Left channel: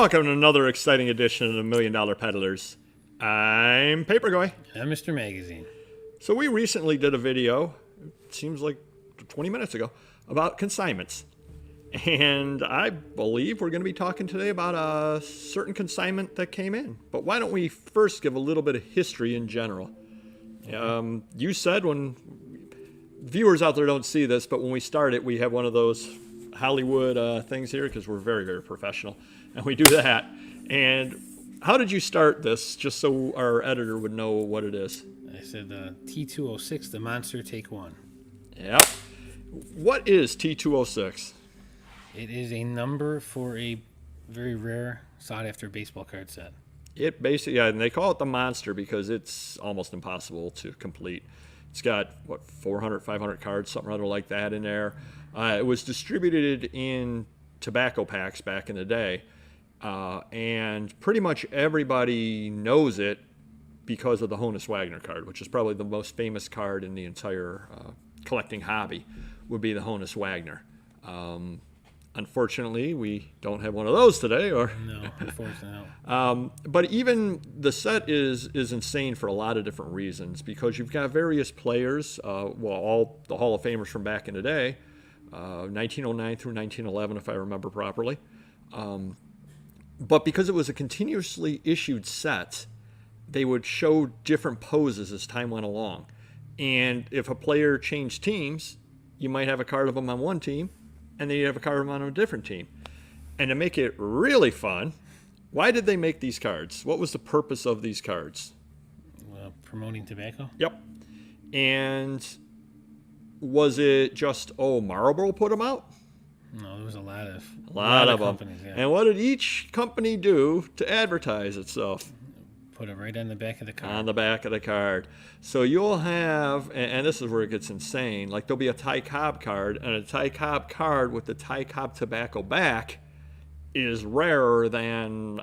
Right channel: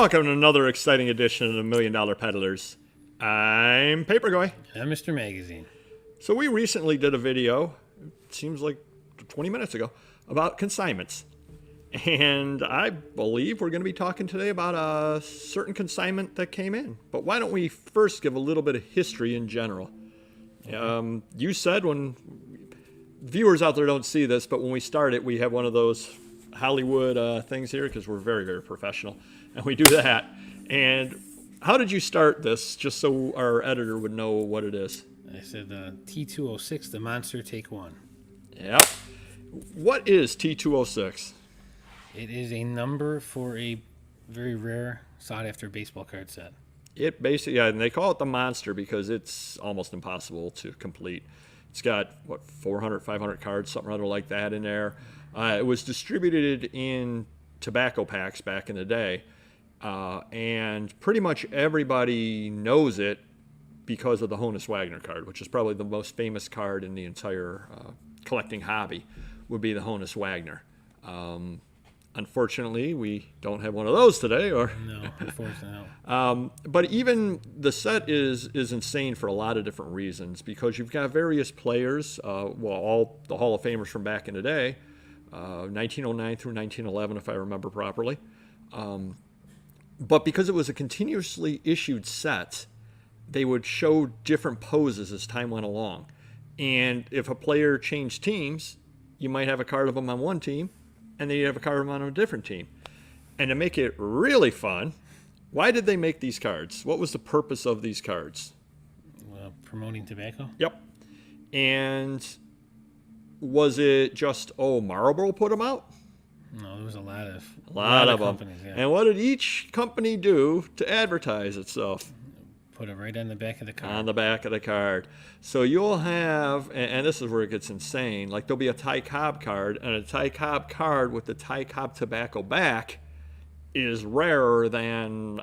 welcome to another exciting edition of the Million Dollar Peddlers. I'm Paperboy. I'm Mr. Magazine. So we recently did a video, it seems like 20 minutes ago, about consignments. And I believe we're going to be talking today about a certain consignment that came in. But why don't we first give a little bit of history in general? You said, when viewers out there don't see this, but when we started, we have one of those Hollywood things here because we're very, very professional. And we do that. And how did you start this, just so our editor would know what it is? I said T-206, the Monster Take One. Yep. What is T-206? It is a number for a very rare, sought-after baseball card set. It basically, yeah, and they call it the Monster because it's almost impossible to complete. It's got, 400, 500 cards, something or other like that in there. It was distributed in tobacco packs back in the day. And pretty much everybody knows it because of the Honus Wagner card, which is probably the most famous card in the entire collecting hobby, would be the Honus Wagner. Unfortunately, we don't have one of those today. No, unfortunately no. But even the set is insane for a lot of different reasons, because you've got various players, all the Hall of Famers from back in the day, 1909 through 1911, if I remember properly. But because it was a continuously issued set, they would show different poses as time went along. And if a player changed teams, you might have a card of them on one team, and then you have a card of them on a different team. And to make it really fun, why did they make these cards? What was the purpose of these cards? Promoting tobacco? Yep. And was it just, Marlboro put them out? No, there was a lot of companies. Yeah. And what did each company do to advertise itself? Put it right on the back of the card. On the back of the card. So you'll have, and this is where it gets insane, like there'll be a Ty Cobb card, and a Ty Cobb card with the Ty Cobb tobacco back is rarer than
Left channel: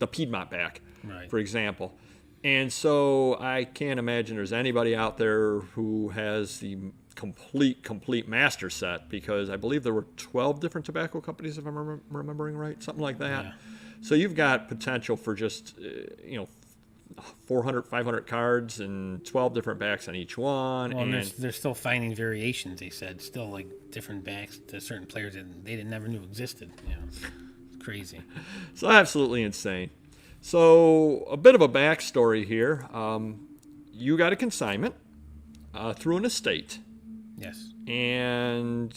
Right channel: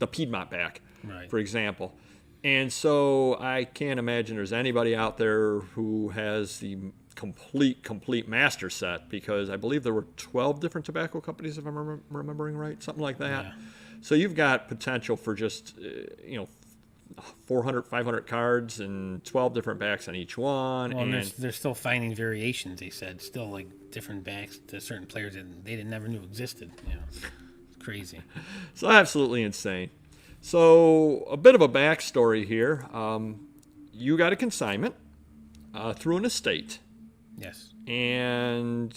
the Piedmont back, right, for example. And so I can't imagine there's anybody out there who has the complete master set, because I believe there were 12 different tobacco companies, if I'm remembering right, something like that. Yeah. So you've got potential for just 400, 500 cards and 12 different backs on each one. Well, and they're still finding variations, they said, still like different backs to certain players that they never knew existed. It's crazy. So absolutely insane. So a bit of a backstory here. You got a consignment through an estate. Yes. And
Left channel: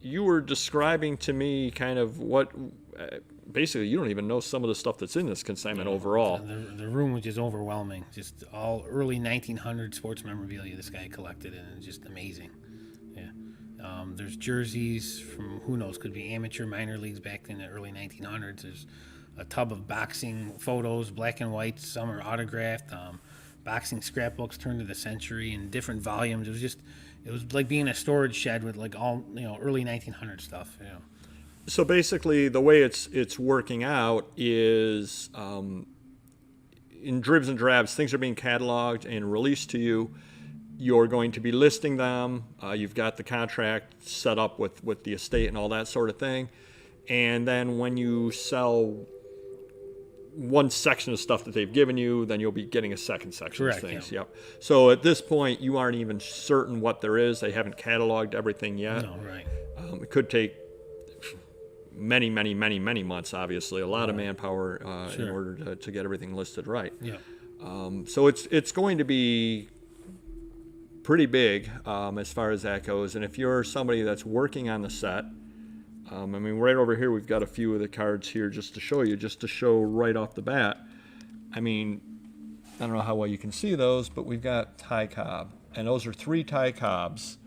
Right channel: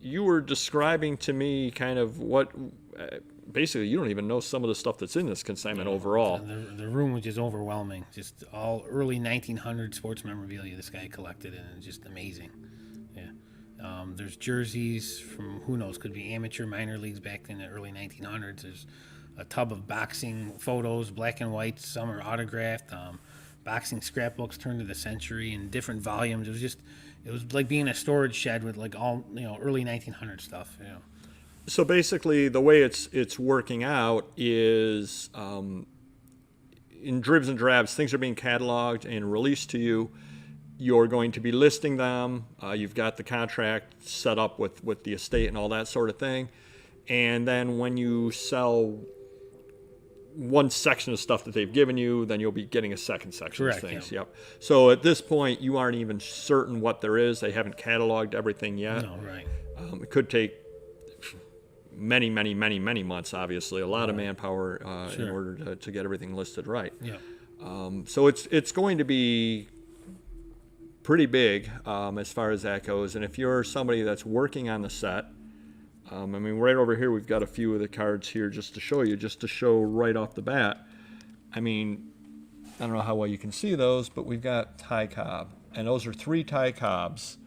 you were describing to me kind of what, basically you don't even know some of the stuff that's in this consignment overall. The room was just overwhelming. Just all early 1900 sports memorabilia this guy collected, and it's just amazing. Yeah. There's jerseys from, who knows, could be amateur, minor leagues back in the early 1900s. There's a tub of boxing photos, black and white. Some are autographed. Boxing scrapbooks turned of the century in different volumes. It was like being in a storage shed with like all early 1900 stuff. So basically, the way it's working out is in dribs and drabs, things are being cataloged and released to you. You're going to be listing them. You've got the contract set up with the estate and all that sort of thing. And then when you sell one section of stuff that they've given you, then you'll be getting a second section. Correct, of things. yeah. Yep. So at this point, you aren't even certain what there is. They haven't cataloged everything yet. No, right. It could take many months, obviously. A lot of manpower Sure. in order to get everything listed right. Yeah. So it's going to be pretty big as far as that goes. And if you're somebody that's working on the set, right over here, we've got a few of the cards here just to show right off the bat. I don't know how well you can see those, but we've got Ty Cobb. And those are 3 Ty Cobbs.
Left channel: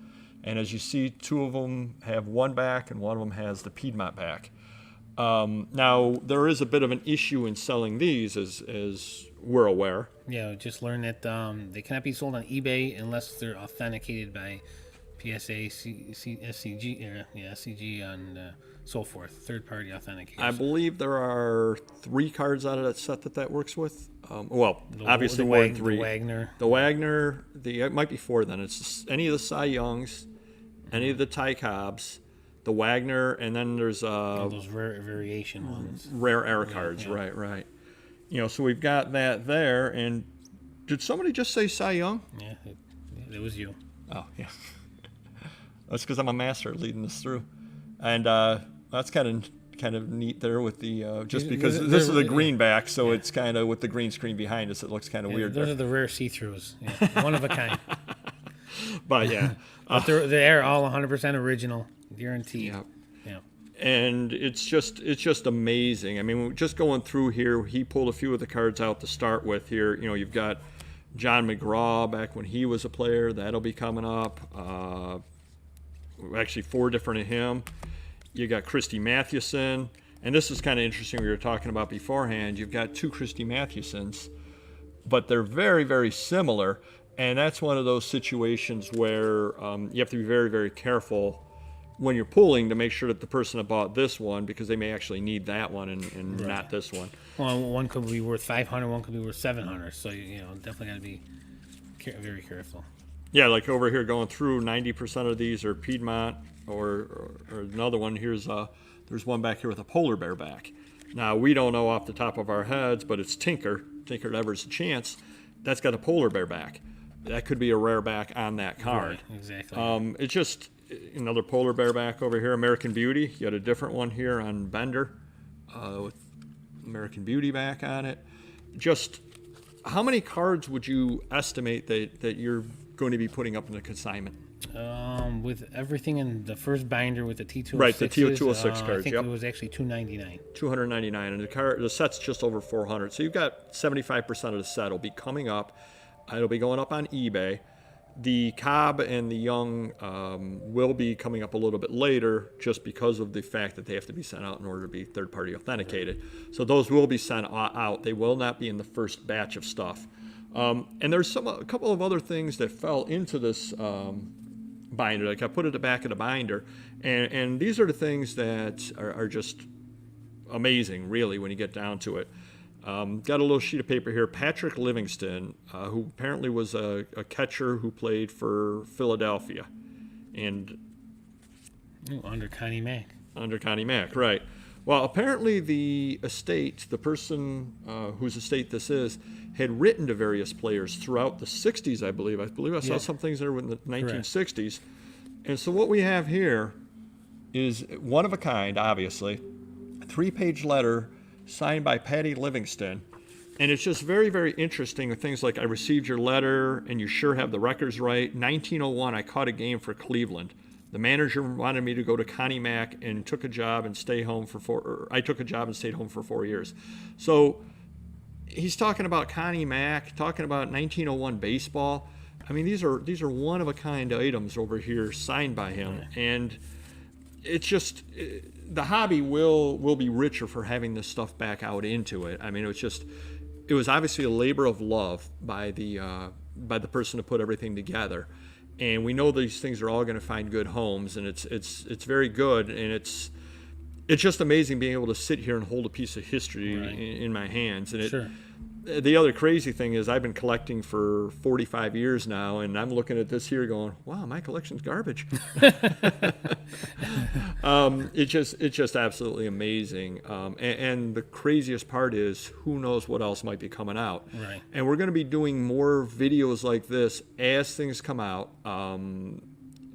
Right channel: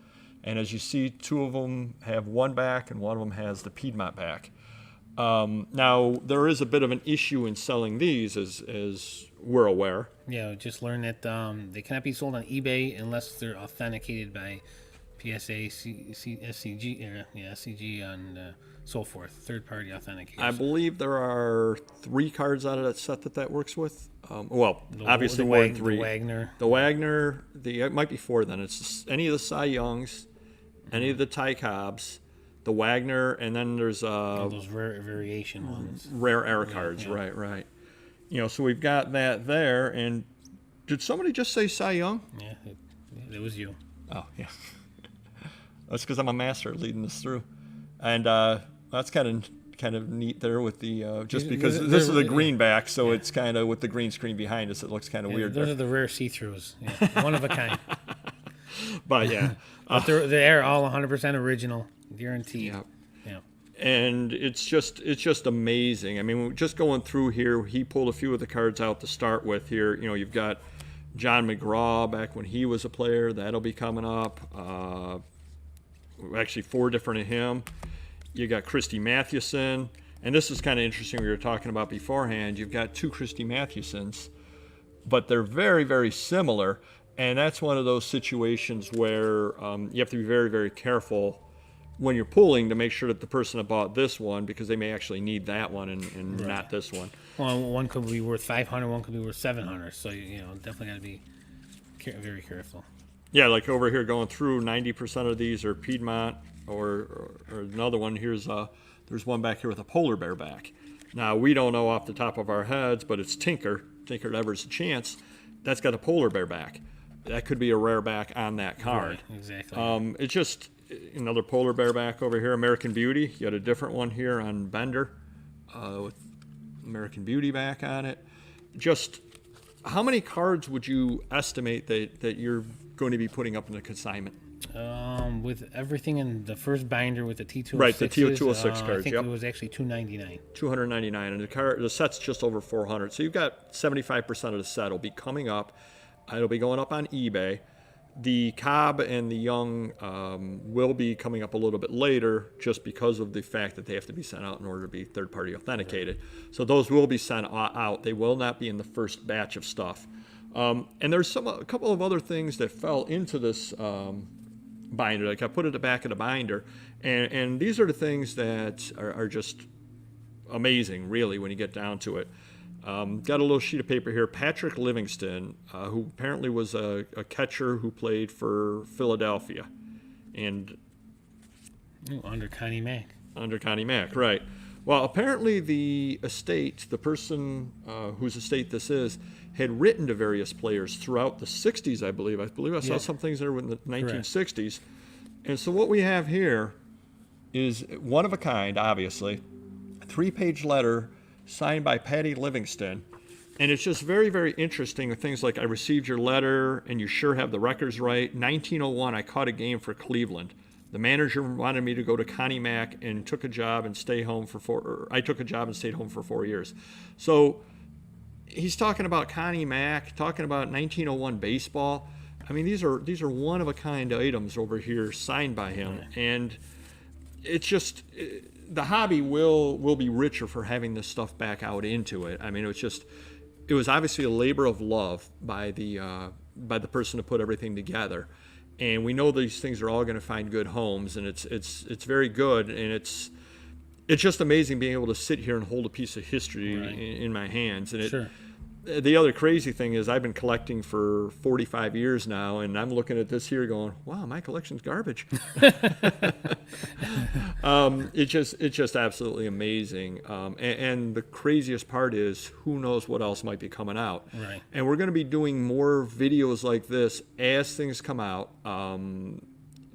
And as you see, 2 of them have one back and one of them has the Piedmont back. Now, there is a bit of an issue in selling these, as we're aware. Yeah, just learned that they cannot be sold on eBay unless they're authenticated by PSA, SCG, and so forth, third-party authentication. I believe there are 3 cards out of that set that works with. Obviously the more than 3. The Wagner. It might be 4 then. It's any of the Cy Youngs, any of the Ty Cobbs, the Wagner, and then there's those rare variation ones. rare air cards. yeah. Right. So we've got that there. And did somebody just say Cy Young? Yeah, it was you. Oh, yeah. That's because I'm a master at leading this through. And that's kind of neat there with the just because this is a greenback, so it's kind of with the green screen behind us, it looks kind of weird. Those there. are the rare see-throughs. Yeah, one of a kind. But yeah, But they're all 100% original, guaranteed. yeah. Yeah. And it's just amazing. I mean, just going through here, he pulled a few of the cards out to start with here. You've got John McGraw back when he was a player. That'll be coming up. Actually, 4 different of him. You got Christy Mathewson. And this is kind of interesting we were talking about beforehand. You've got 2 Christy Mathewsons, but they're very, very similar. And that's one of those situations where you have to be very, very careful when you're pulling to make sure that the person that bought this one, because they may actually need that one and Right. not this one. Well, one could be worth 500, one could be worth 700. So definitely got to be very careful. Yeah, like over here going through, 90% of these are Piedmont, or another one. There's one back here with a polar bear back. Now, we don't know off the top of our heads, but it's Tinker Ever's a Chance. That's got a polar bear back. That could be a rare back on that card. Right, exactly. It's just another polar bear back over here. American Beauty. You had a different one here on Bender with American Beauty back on it. Just how many cards would you estimate that you're going to be putting up in the consignment? With everything in the first binder with the T-206. Right, the T-206 cards, I think yep. it was actually $299. $299, and the set's just over $400. So you've got 75% of the set will be coming up. It'll be going up on eBay. The Cobb and the Young will be coming up a little bit later, just because of the fact that they have to be sent out in order to be third-party authenticated. So those will be sent out. They will not be in the first batch of stuff. And there's a couple of other things that fell into this binder. Like I put it at the back of the binder, and these are the things that are just amazing, really, when you get down to it. Got a little sheet of paper here. Patrick Livingston, who apparently was a catcher who played for Philadelphia, and Under Connie Mack. under Connie Mack, right? Well, apparently the estate, the person whose estate this is, had written to various players throughout the 60s, I believe. I saw Yeah. some things there in the 1960s. And so what we have here is one of a kind, obviously, a 3-page letter signed by Patty Livingston. And it's just very, very interesting with things like, I received your letter and you sure have the records right. 1901, I caught a game for Cleveland. The manager wanted me to go to Connie Mack and took a job and stay home for I took a job and stayed home for 4 years. So he's talking about Connie Mack, talking about 1901 baseball. I mean, these are one of a kind items over here signed by him, and it's just the hobby will be richer for having this stuff back out into it. I mean, it was obviously a labor of love by the person to put everything together. And we know these things are all going to find good homes, and it's very good, and it's just amazing being able to sit here and hold a piece of history in my hands. And Sure. The other crazy thing is I've been collecting for 45 years now, and I'm looking at this here going, wow, my collection's garbage. It's just absolutely amazing. And the craziest part is who knows what else might be coming out. Right. And we're going to be doing more videos like this as things come out,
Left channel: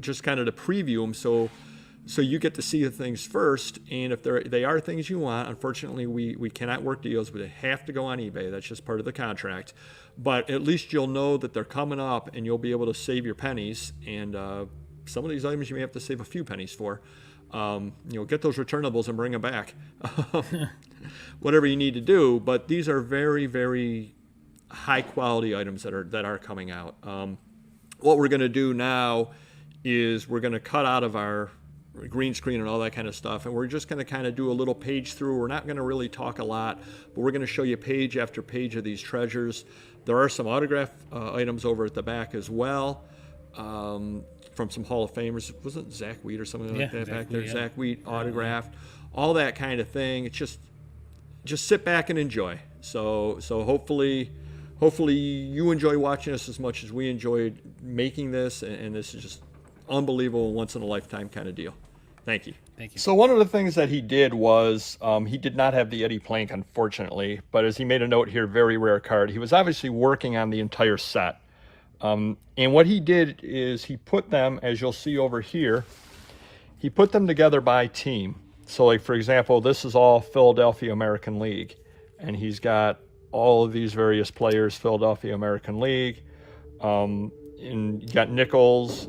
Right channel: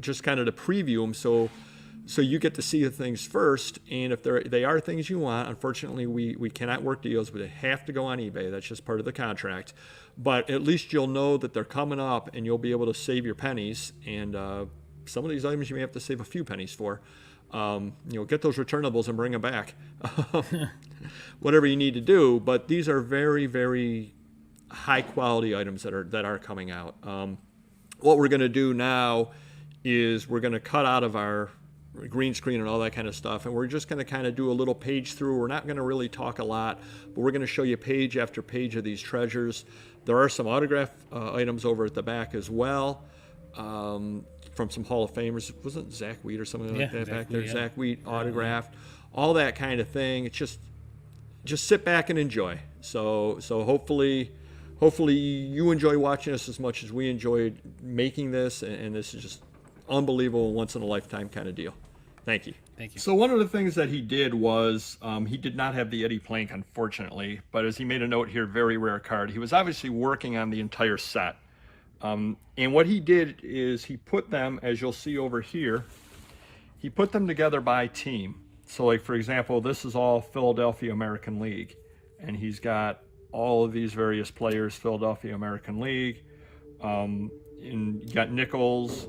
just kind of to preview them so you get to see the things first, and if they are things you want, unfortunately we cannot work deals, but they have to go on eBay. That's just part of the contract. But at least you'll know that they're coming up, and you'll be able to save your pennies. And some of these items you may have to save a few pennies for. Get those returnables and bring them back. Whatever you need to do. But these are very, very high quality items that are coming out. What we're going to do now is we're going to cut out of our green screen and all that kind of stuff, and we're just going to kind of do a little page through. We're not going to really talk a lot, but we're going to show you page after page of these treasures. There are some autograph items over at the back as well, from some Hall of Famers. Wasn't Zach Wheat or something like that back there? Zach Wheat autographed, all that kind of thing. It's just sit back and enjoy. So hopefully you enjoy watching us as much as we enjoyed making this, and this is just unbelievable, once in a lifetime kind of deal. Thank you. Thank you. So one of the things that he did was he did not have the Eddie Plank, unfortunately, but as he made a note here, very rare card. He was obviously working on the entire set. And what he did is he put them, as you'll see over here, he put them together by team. So like, for example, this is all Philadelphia American League. And he's got all of these various players, Philadelphia American League. And you got Nichols,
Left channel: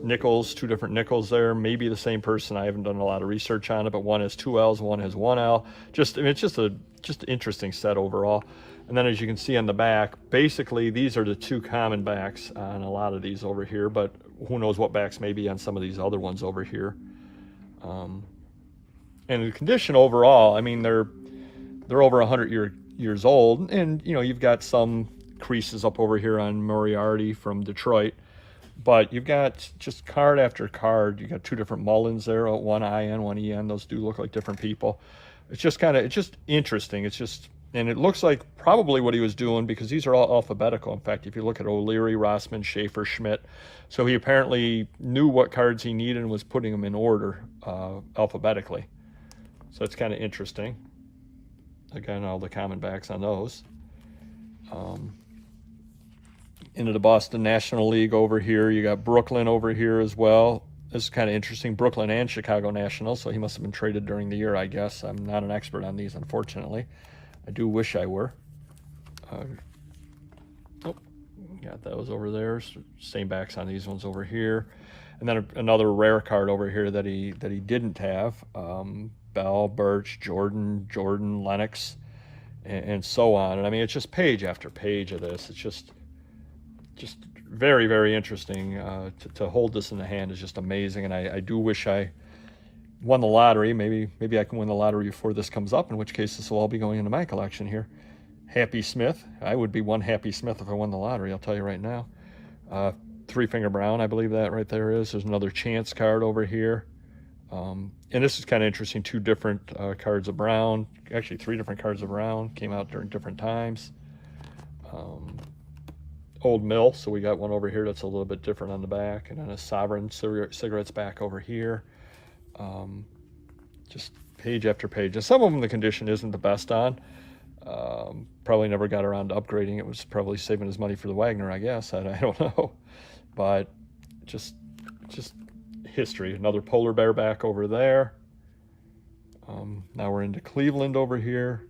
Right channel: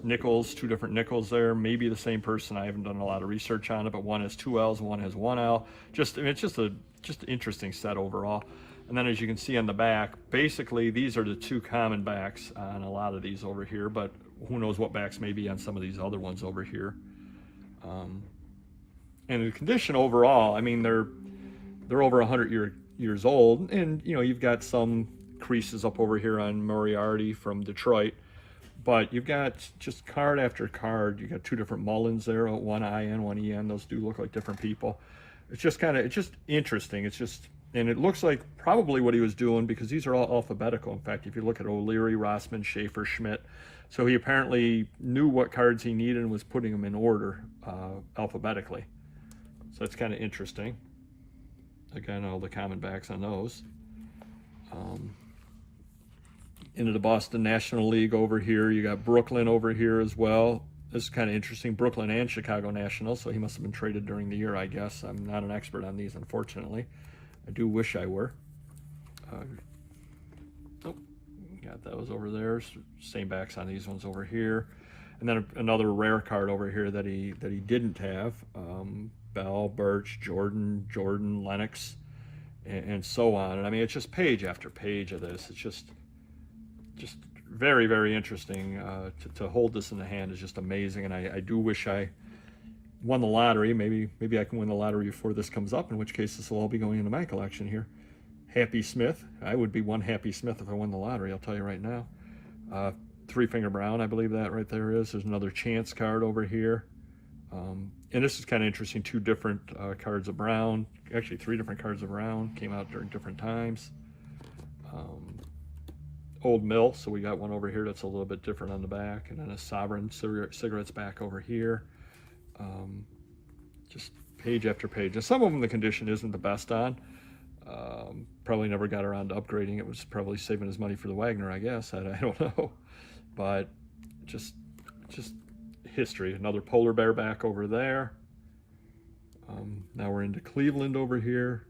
two different Nichols there, maybe the same person. I haven't done a lot of research on it, but one has 2 L's, one has 1 L. Just, I mean, it's just an interesting set overall. And then as you can see on the back, basically these are the 2 common backs on a lot of these over here, but who knows what backs may be on some of these other ones over here. And the condition overall, I mean, they're over 100 years old, and you know, you've got some creases up over here on Moriarty from Detroit, but you've got just card after card. You got 2 different Mullins there, one IN, one EN. Those do look like different people. It's just interesting. It's just, and it looks like probably what he was doing, because these are all alphabetical. In fact, if you look at O'Leary, Rossman, Schaefer, Schmidt, so he apparently knew what cards he needed and was putting them in order alphabetically. So it's kind of interesting. Again, all the common backs on those. Into the Boston National League over here. You got Brooklyn over here as well. This is kind of interesting. Brooklyn and Chicago National, so he must have been traded during the year, I guess. I'm not an expert on these, unfortunately. I do wish I were. Got those over there. Same backs on these ones over here. And then another rare card over here that he didn't have. Bell, Birch, Jordan, Lennox, and so on. And I mean, it's just page after page of this. It's just very, very interesting. To hold this in the hand is just amazing. And I do wish I won the lottery. Maybe I can win the lottery before this comes up, in which case this will all be going into my collection here. Happy Smith. I would be one Happy Smith if I won the lottery, I'll tell you right now. 3-Finger Brown, I believe that right there is. There's another Chance card over here. And this is kind of interesting. 2 different cards of Brown. Actually, 3 different cards of Brown. Came out during different times. Old Mill. So we got one over here that's a little bit different on the back. And then a Sovereign Cigarettes back over here. Just page after page. And some of them the condition isn't the best on. Probably never got around to upgrading. It was probably saving his money for the Wagner, I guess. I don't know. But just history. Another polar bear back over there. Now we're into Cleveland over here.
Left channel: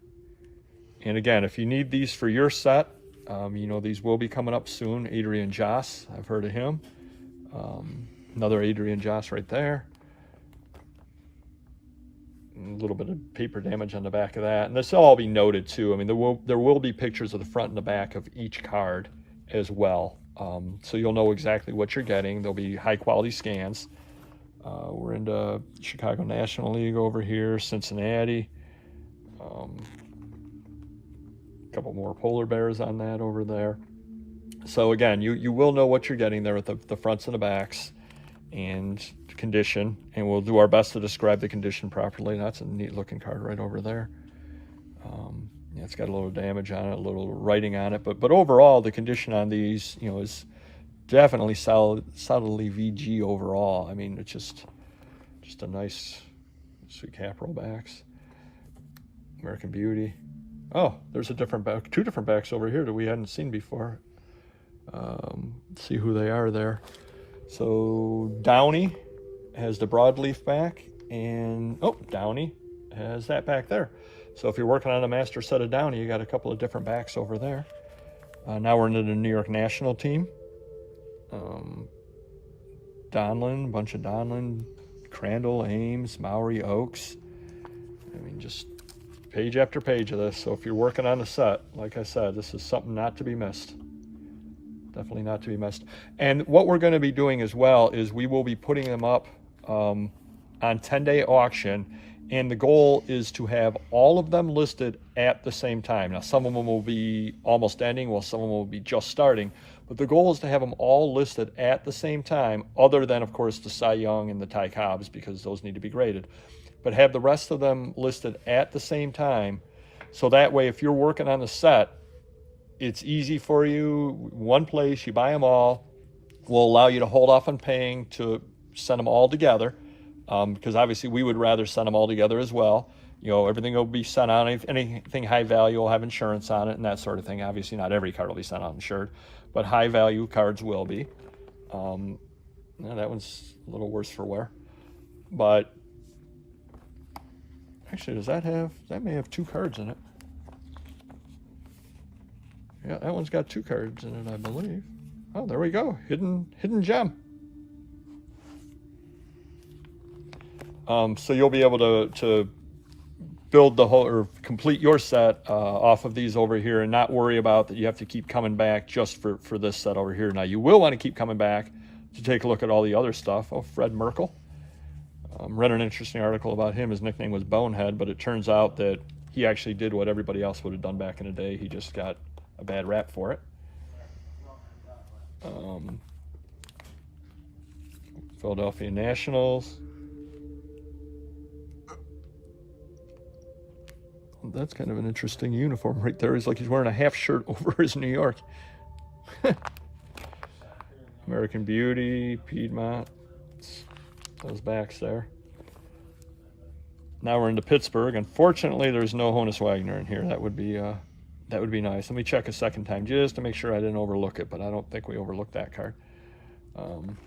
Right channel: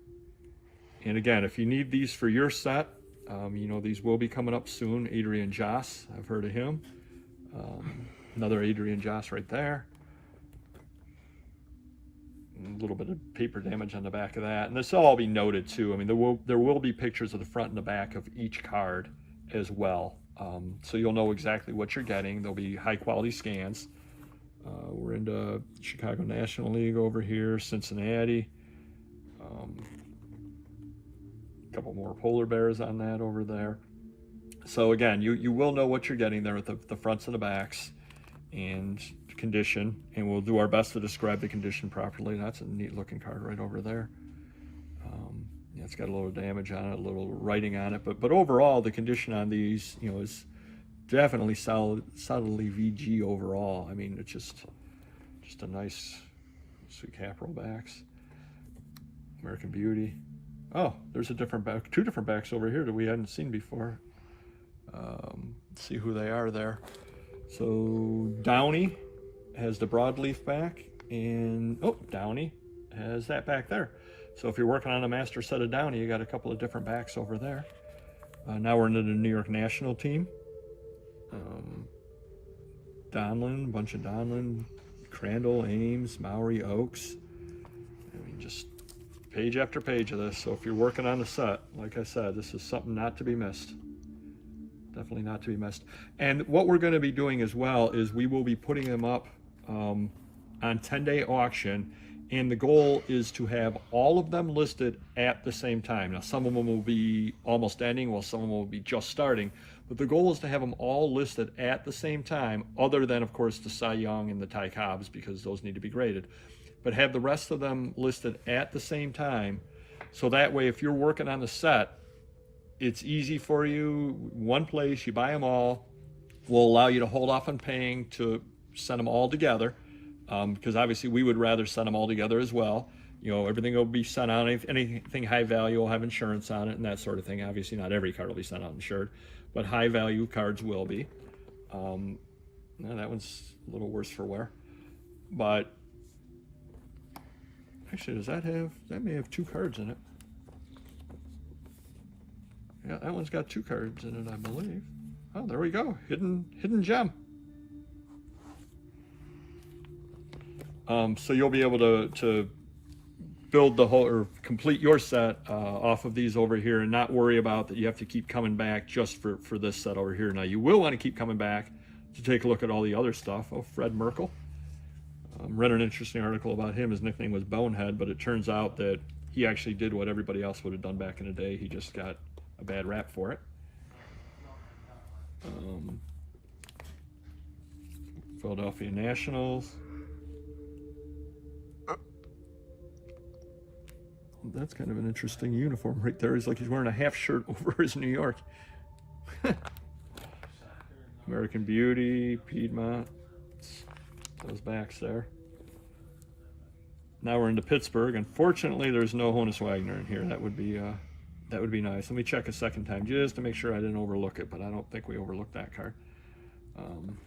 And again, if you need these for your set, you know, these will be coming up soon. Adrian Joss, I've heard of him. Another Adrian Joss right there. A little bit of paper damage on the back of that. And this will all be noted too. I mean, there will be pictures of the front and the back of each card as well. So you'll know exactly what you're getting. There'll be high quality scans. We're into Chicago National League over here, Cincinnati. A couple more polar bears on that over there. So again, you will know what you're getting there at the fronts and the backs and condition, and we'll do our best to describe the condition properly. That's a neat looking card right over there. Yeah, it's got a little damage on it, a little writing on it, but overall the condition on these, you know, is definitely solidly VG overall. I mean, it's just a nice sweet cap roll backs. American Beauty. Oh, there's a different back, 2 different backs over here that we hadn't seen before. Let's see who they are there. So Downey has the broadleaf back, and Downey has that back there. So if you're working on a master set of Downey, you got a couple of different backs over there. Now we're into the New York National team. Donlin, a bunch of Donlin, Crandall, Ames, Maury, Oaks. I mean, just page after page of this. So if you're working on the set, like I said, this is something not to be missed. Definitely not to be missed. And what we're going to be doing as well is we will be putting them up on 10-day auction, and the goal is to have all of them listed at the same time. Now, some of them will be almost ending, while some of them will be just starting, but the goal is to have them all listed at the same time, other than, of course, the Cy Young and the Ty Cobbs, because those need to be graded. But have the rest of them listed at the same time, so that way, if you're working on the set, it's easy for you. One place, you buy them all. Will allow you to hold off on paying to send them all together. because obviously we would rather send them all together as well. You know, everything will be sent out. Anything high value will have insurance on it and that sort of thing. Obviously, not every card will be sent out insured, but high value cards will be. Well, that one's a little worse for wear. But actually, that may have 2 cards in it. Yeah, that one's got 2 cards in it, I believe. Oh, there we go. Hidden gem. So you'll be able to build the whole, or complete your set off of these over here, and not worry about that you have to keep coming back just for this set over here. Now, you will want to keep coming back to take a look at all the other stuff. Oh, Fred Merkle. Read an interesting article about him. His nickname was Bonehead, but it turns out that he actually did what everybody else would have done back in the day. He just got a bad rap for it. Philadelphia Nationals. That's kind of an interesting uniform right there. It's like he's wearing a half shirt over his New York. American Beauty, Piedmont. Those backs there. Now we're into Pittsburgh. Unfortunately, there's no Honus Wagner in here. That would be nice. Let me check a second time just to make sure I didn't overlook it, but I don't think we overlooked that card. An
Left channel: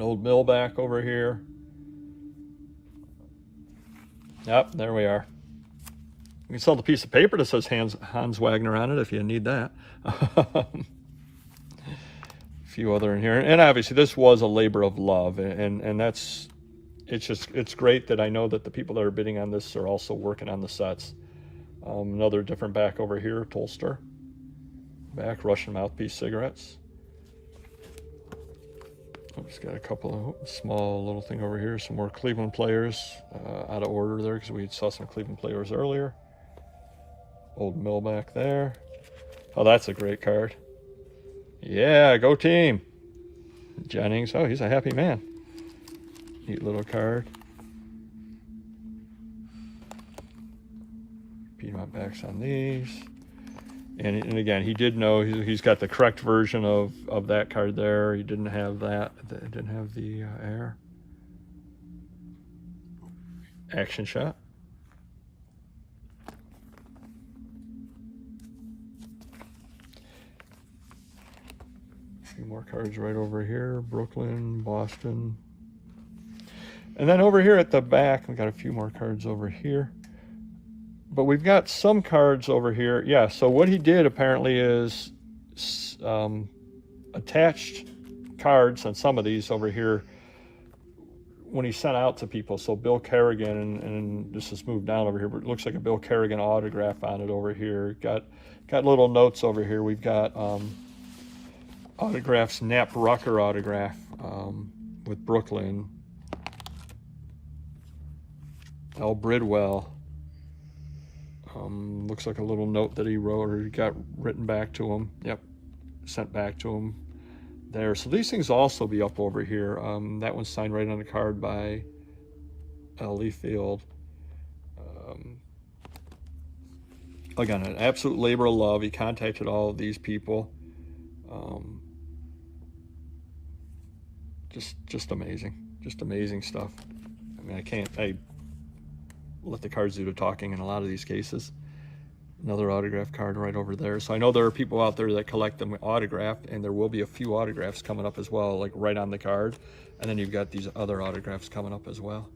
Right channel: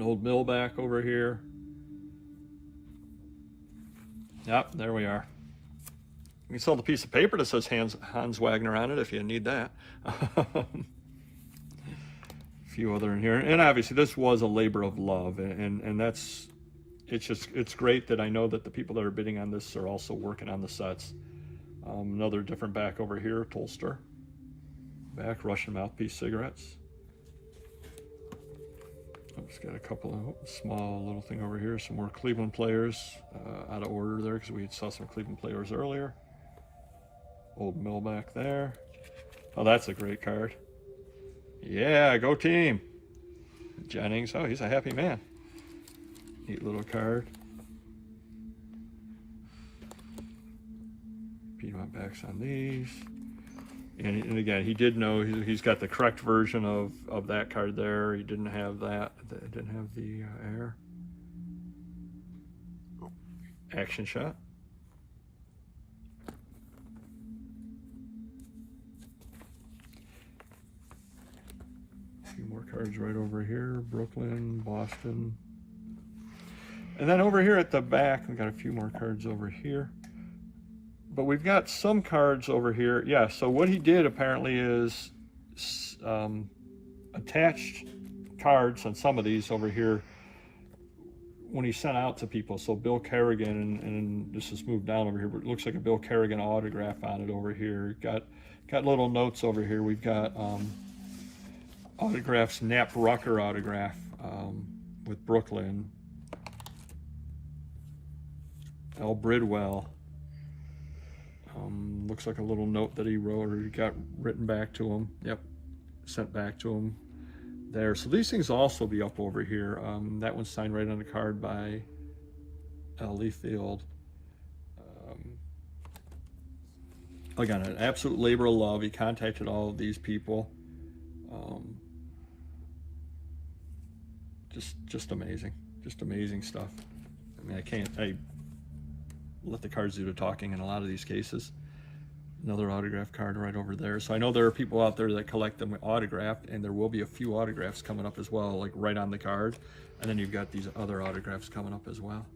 old Millback over here. Yep, there we are. You can sell the piece of paper that says Hans Wagner on it if you need that. A few other in here. And obviously this was a labor of love, and it's great that I know that the people that are bidding on this are also working on the sets. Another different back over here, Tolster. Back, Russian mouthpiece cigarettes. I've just got a couple of small little thing over here. Some more Cleveland players out of order there because we saw some Cleveland players earlier. Old Millback there. Oh, that's a great card. Yeah, go team. Jennings. Oh, he's a happy man. Neat little card. Piedmont backs on these. And again, he did know he's got the correct version of that card there. He didn't have that. It didn't have the air. Action shot. A few more cards right over here. Brooklyn, Boston. And then over here at the back, we got a few more cards over here. But we've got some cards over here. Yeah, so what he did apparently is attached cards on some of these over here when he sent out to people. So Bill Kerrigan, and this is moved down over here, but it looks like a Bill Kerrigan autograph on it over here. Got little notes over here. We've got autographs, Nap Rucker autograph with Brooklyn. Al Bridwell. Looks like a little note that he wrote, or he got written back to him. Yep, sent back to him there. So these things also be up over here. That one's signed right on the card by L. Lee Field. Again, an absolute labor of love. He contacted all of these people. Just amazing. Just amazing stuff. I mean, I let the cards do the talking in a lot of these cases. Another autograph card right over there. So I know there are people out there that collect them autographed, and there will be a few autographs coming up as well, like right on the card. And then you've got these other autographs coming up as well.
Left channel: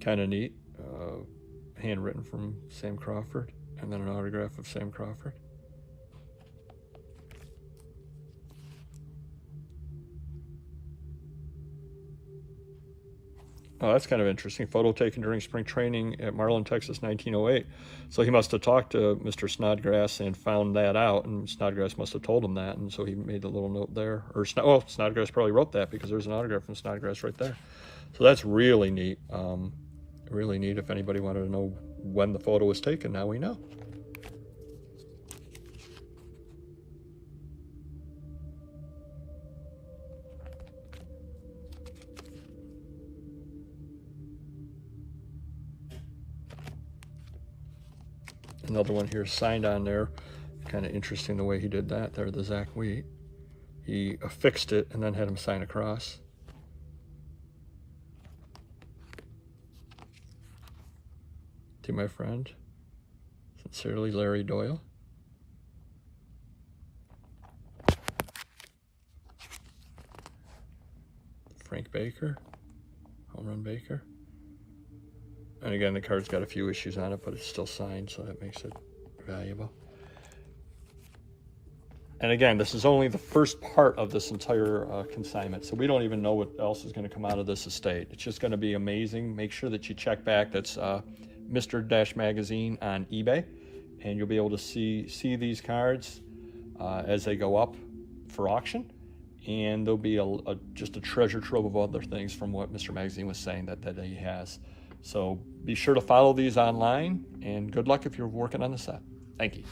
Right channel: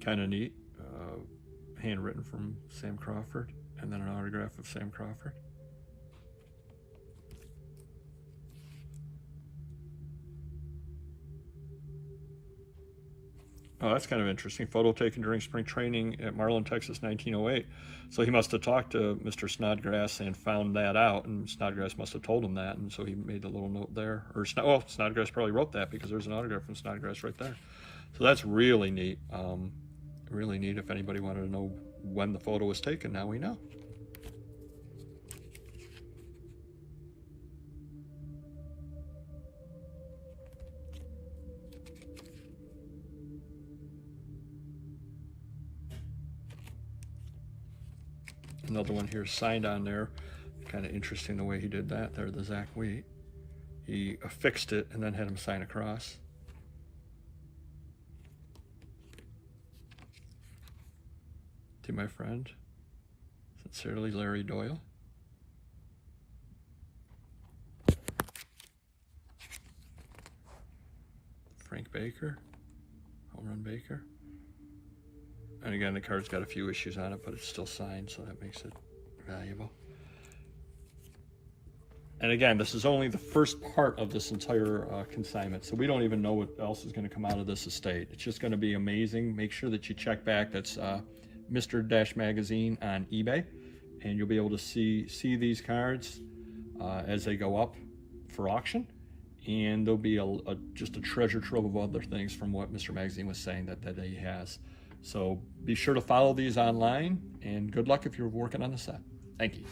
Kind of neat. Handwritten from Sam Crawford, and then an autograph of Sam Crawford. Oh, that's kind of interesting. Photo taken during spring training at Marlin, Texas, 1908. So he must have talked to Mr. Snodgrass and found that out, and Snodgrass must have told him that, and so he made a little note there. Or Snodgrass probably wrote that because there's an autograph from Snodgrass right there. So that's really neat. Really neat. If anybody wanted to know when the photo was taken, now we know. Another one here signed on there. Kind of interesting the way he did that there, the Zach Wheat. He affixed it and then had him sign across. To my friend, sincerely, Larry Doyle. Frank Baker, Home Run Baker. And again, the card's got a few issues on it, but it's still signed, so that makes it valuable. And again, this is only the first part of this entire consignment, so we don't even know what else is going to come out of this estate. It's just going to be amazing. Make sure that you check back. That's Mr. Dash Magazine on eBay, and you'll be able to see these cards as they go up for auction. And there'll be just a treasure trove of other things from what Mr. Magazine was saying that he has. So be sure to follow these online, and good luck if you're working on the set. Thank you.